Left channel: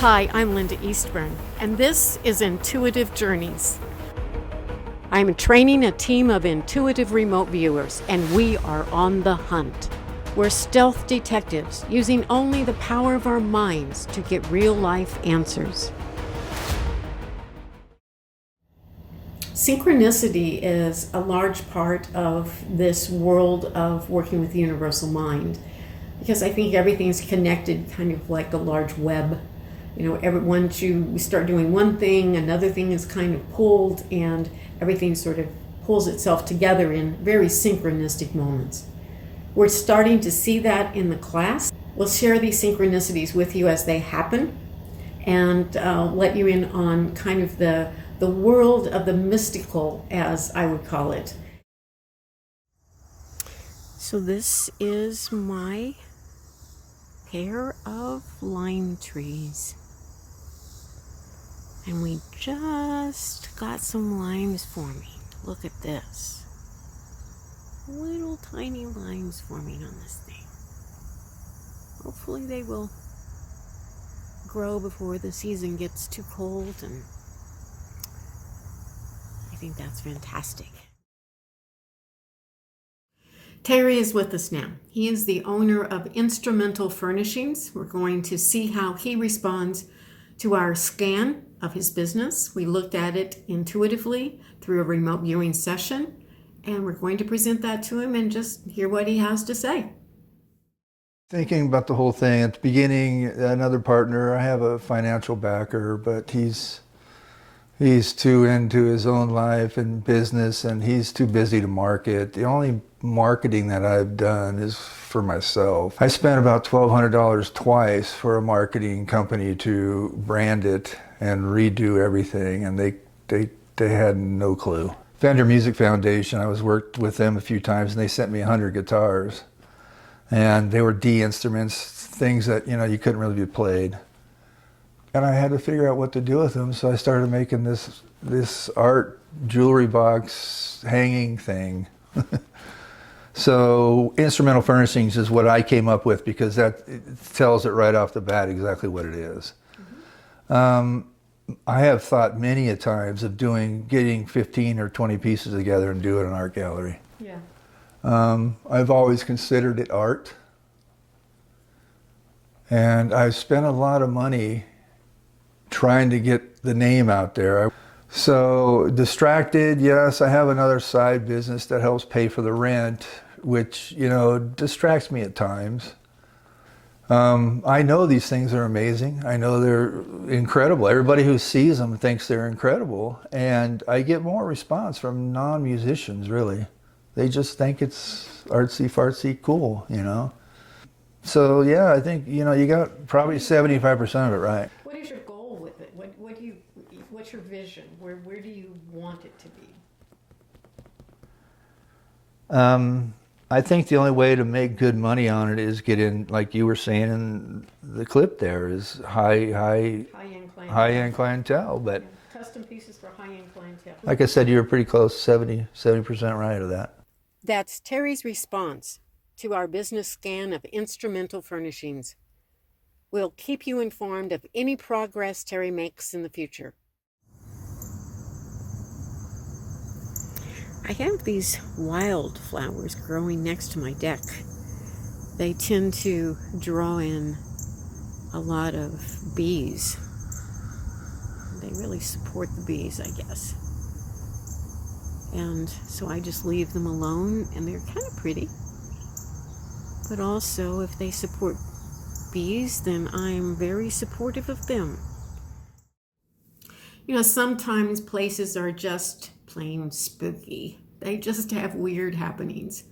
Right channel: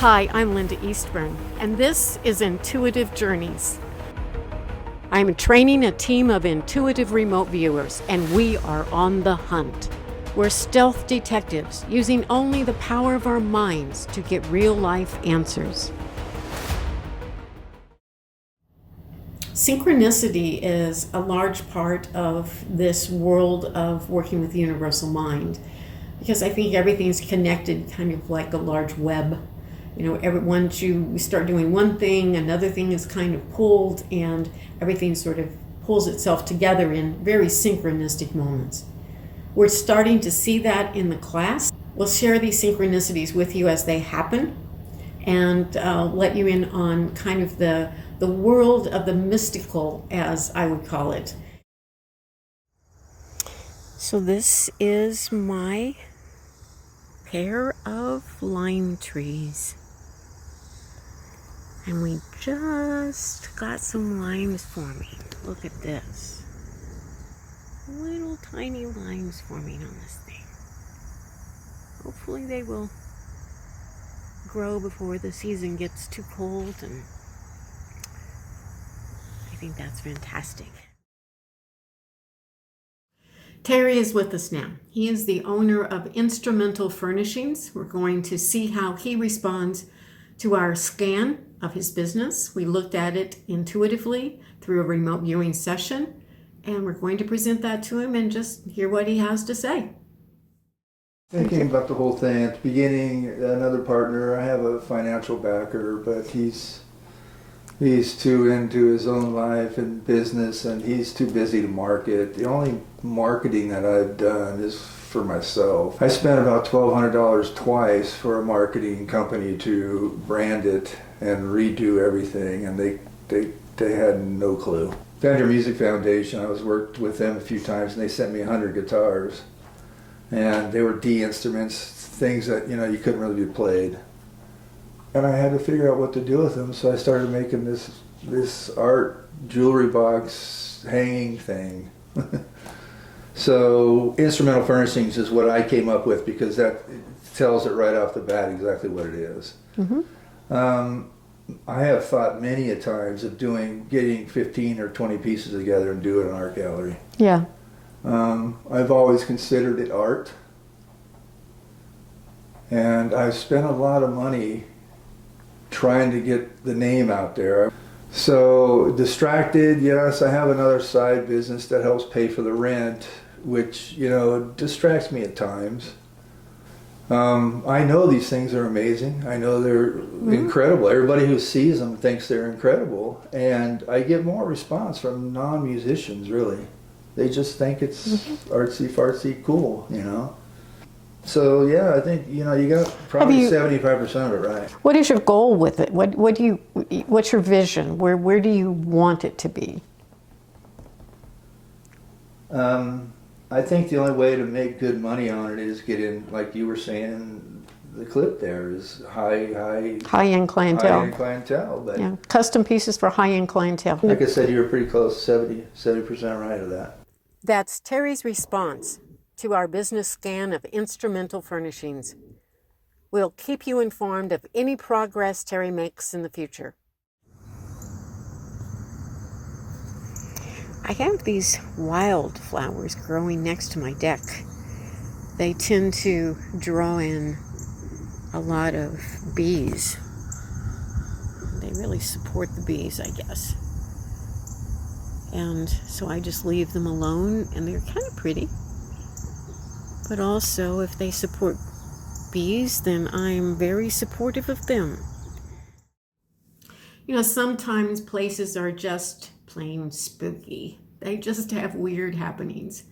Hi, I'm Linda Eastburn, and this is Intuitive Journeys. I'm training a team of intuitive remote viewers, and we are on the hunt. We're stealth detectives using only the power of our minds to get real-life answers. Synchronicity is a large part of this world of working with the universal mind, because I think everything's connected kind of like a large web. Once you start doing one thing, another thing is kind of pulled, and everything sort of pulls itself together in very synchronistic moments. We're starting to see that in the class. We'll share these synchronicities with you as they happen, and let you in on kind of the world of the mystical, as I would call it. So this is my pair of lime trees. And we just got some limes forming. Look at this. Little tiny limes forming on this thing. Hopefully they will grow before the season gets too cold, and I think that's fantastic. Terry is with us now. He is the owner of Instrumental Furnishings. We're going to see how he responds to our scan of his business. We looked at it intuitively through a remote viewing session, and we're going to present that to him and just hear what he has to say. Thinking about the whole thing at the beginning, another partner, I have a financial backer, but he's too into his own life and business, and he's too busy to market. The only marketing that I've done is for myself. I spent about $1,200 twice for a marketing company to brand it and redo everything, and they had no clue. Fender Music Foundation, I worked with them a few times, and they sent me 100 guitars, and they were D instruments, things that you couldn't really be played. And I had to figure out what to do with them, so I started making this art jewelry box hanging thing. So Instrumental Furnishings is what I came up with, because that tells it right off the bat exactly what it is. Mm-hmm. I have thought many a times of getting 15 or 20 pieces together and do it in an art gallery. Yeah. I've always considered it art, and I've spent a lot of money trying to get the name out there. So distracted, yes, I have another side business that helps pay for the rent, which, distracts me at times. I know these things are amazing. I know they're incredible. Everybody who sees them thinks they're incredible. And I get more response from non-musicians, really. They just think it's artsy-fartsy cool, So yeah, I think you got probably 75% of it right. What is your goal with it? What's your vision? Where do you want it to be? I think the only way to make good money on it is get in, like you were saying in the clip there, is high-end clientele. High-end clientele, but yeah, custom pieces for high-end clientele. Like I said, you were pretty close, 70% right of that. That's Terry's response to our business scan of Instrumental Furnishings. We'll keep you informed of any progress Terry makes in the future. I have these wildflowers growing next to my deck. They tend to draw in a lot of bees. They really support the bees, I guess. And so I just leave them alone, and they're kind of pretty. But also, if they support bees, then I'm very supportive of them. Sometimes places are just plain spooky. They just have weird happenings.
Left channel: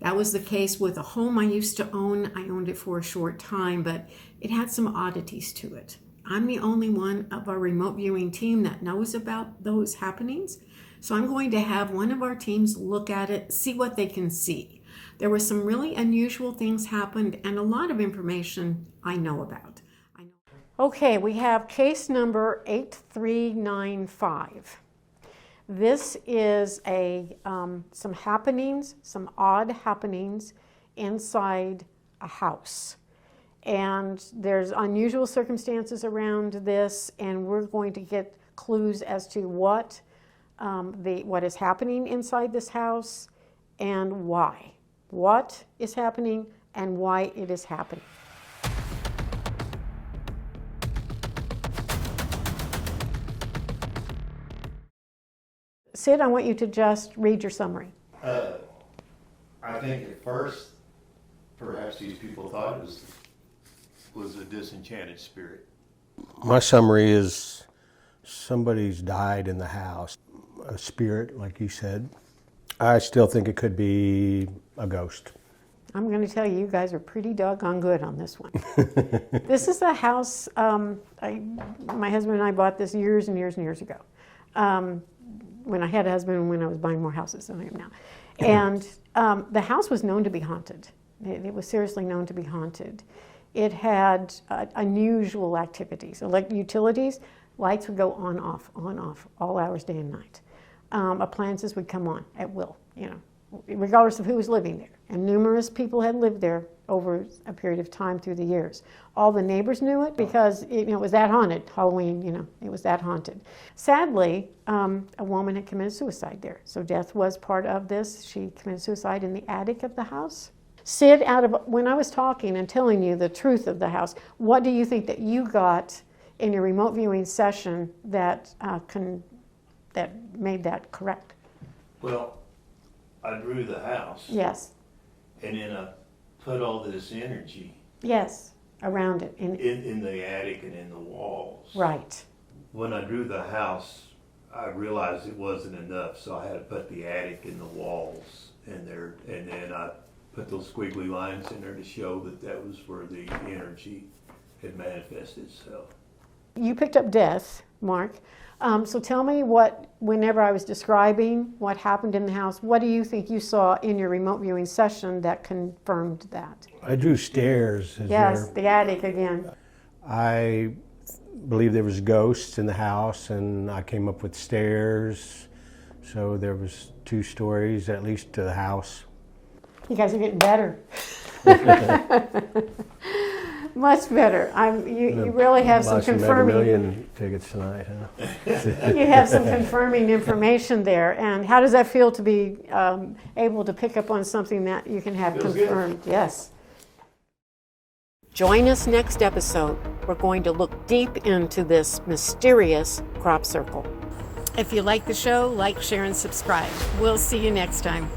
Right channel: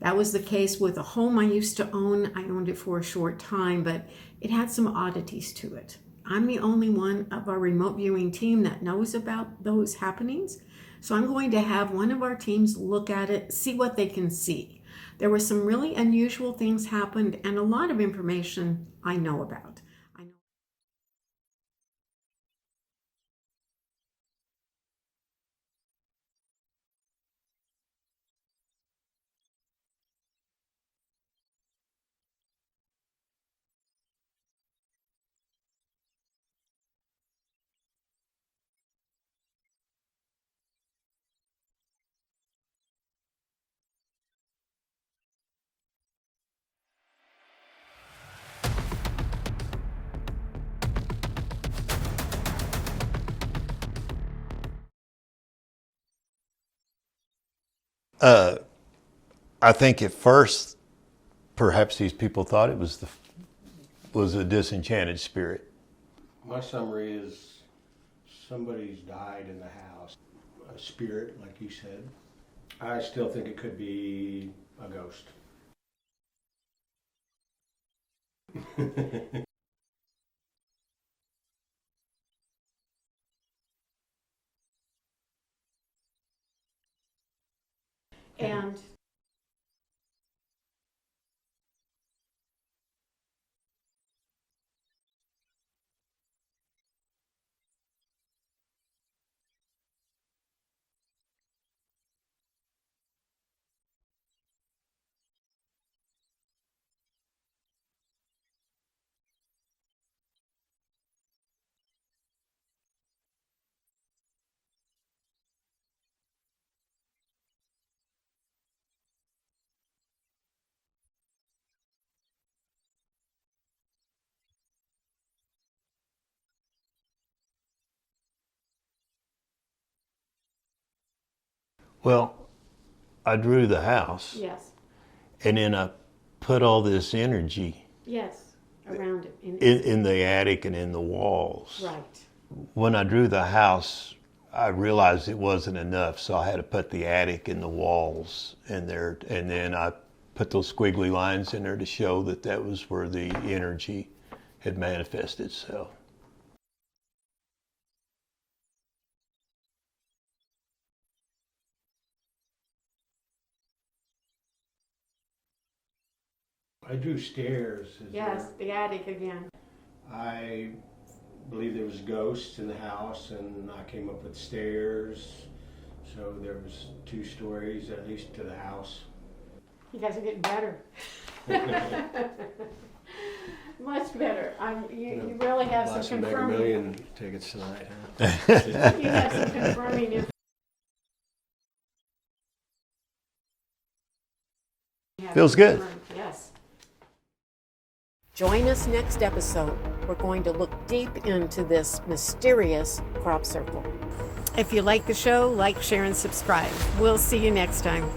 That was the case with a home I used to own. I owned it for a short time, but it had some oddities to it. I'm the only one of our remote viewing team that knows about those happenings. So I'm going to have one of our teams look at it, see what they can see. There were some really unusual things happened, and a lot of information I know about. Okay, we have case number 8395. This is some happenings, some odd happenings inside a house. and there's unusual circumstances around this, and we're going to get clues as to what is happening inside this house and why. What is happening and why it is happening. Sid, I want you to just read your summary. I think at first, perhaps these people thought it was a disenchanted spirit. My summary is somebody's died in the house, a spirit, like you said. I still think it could be a ghost. I'm going to tell you, you guys are pretty doggone good on this one. This is a house, my husband and I bought this years and years and years ago. When I had a husband and when I was buying more houses than I am now. And the house was known to be haunted. It was seriously known to be haunted. It had unusual activities. Like utilities, lights would go on, off, all hours, day and night. Appliances would come on at will, regardless of who was living there. And numerous people had lived there over a period of time through the years. All the neighbors knew it because it was that haunted. Halloween, it was that haunted. Sadly, a woman had committed suicide there. So death was part of this. She committed suicide in the attic of the house. Sid, when I was talking and telling you the truth of the house, what do you think that you got in your remote viewing session that made that correct? Well, I drew the house. Yes. And then I put all this energy. Yes, around it. In the attic and in the walls. Right. When I drew the house, I realized it wasn't enough, so I had to put the attic and the walls in there, and then I put those squiggly lines in there to show that was where the energy had manifested itself. You picked up death, Mark. So tell me whenever I was describing what happened in the house, what do you think you saw in your remote viewing session that confirmed that? I drew stairs. Yes, the attic again. I believe there was ghosts in the house, and I came up with stairs. So there was 2 stories at least to the house. You guys are getting better. Much better. You really have some confirming. $1 tickets tonight, huh? You have some confirming information there. And how does that feel to be able to pick up on something that you can have Feels confirmed? good. Yes. Join us next episode. We're going to look deep into this mysterious crop circle. If you like the show, like, share, and subscribe. We'll see you next time.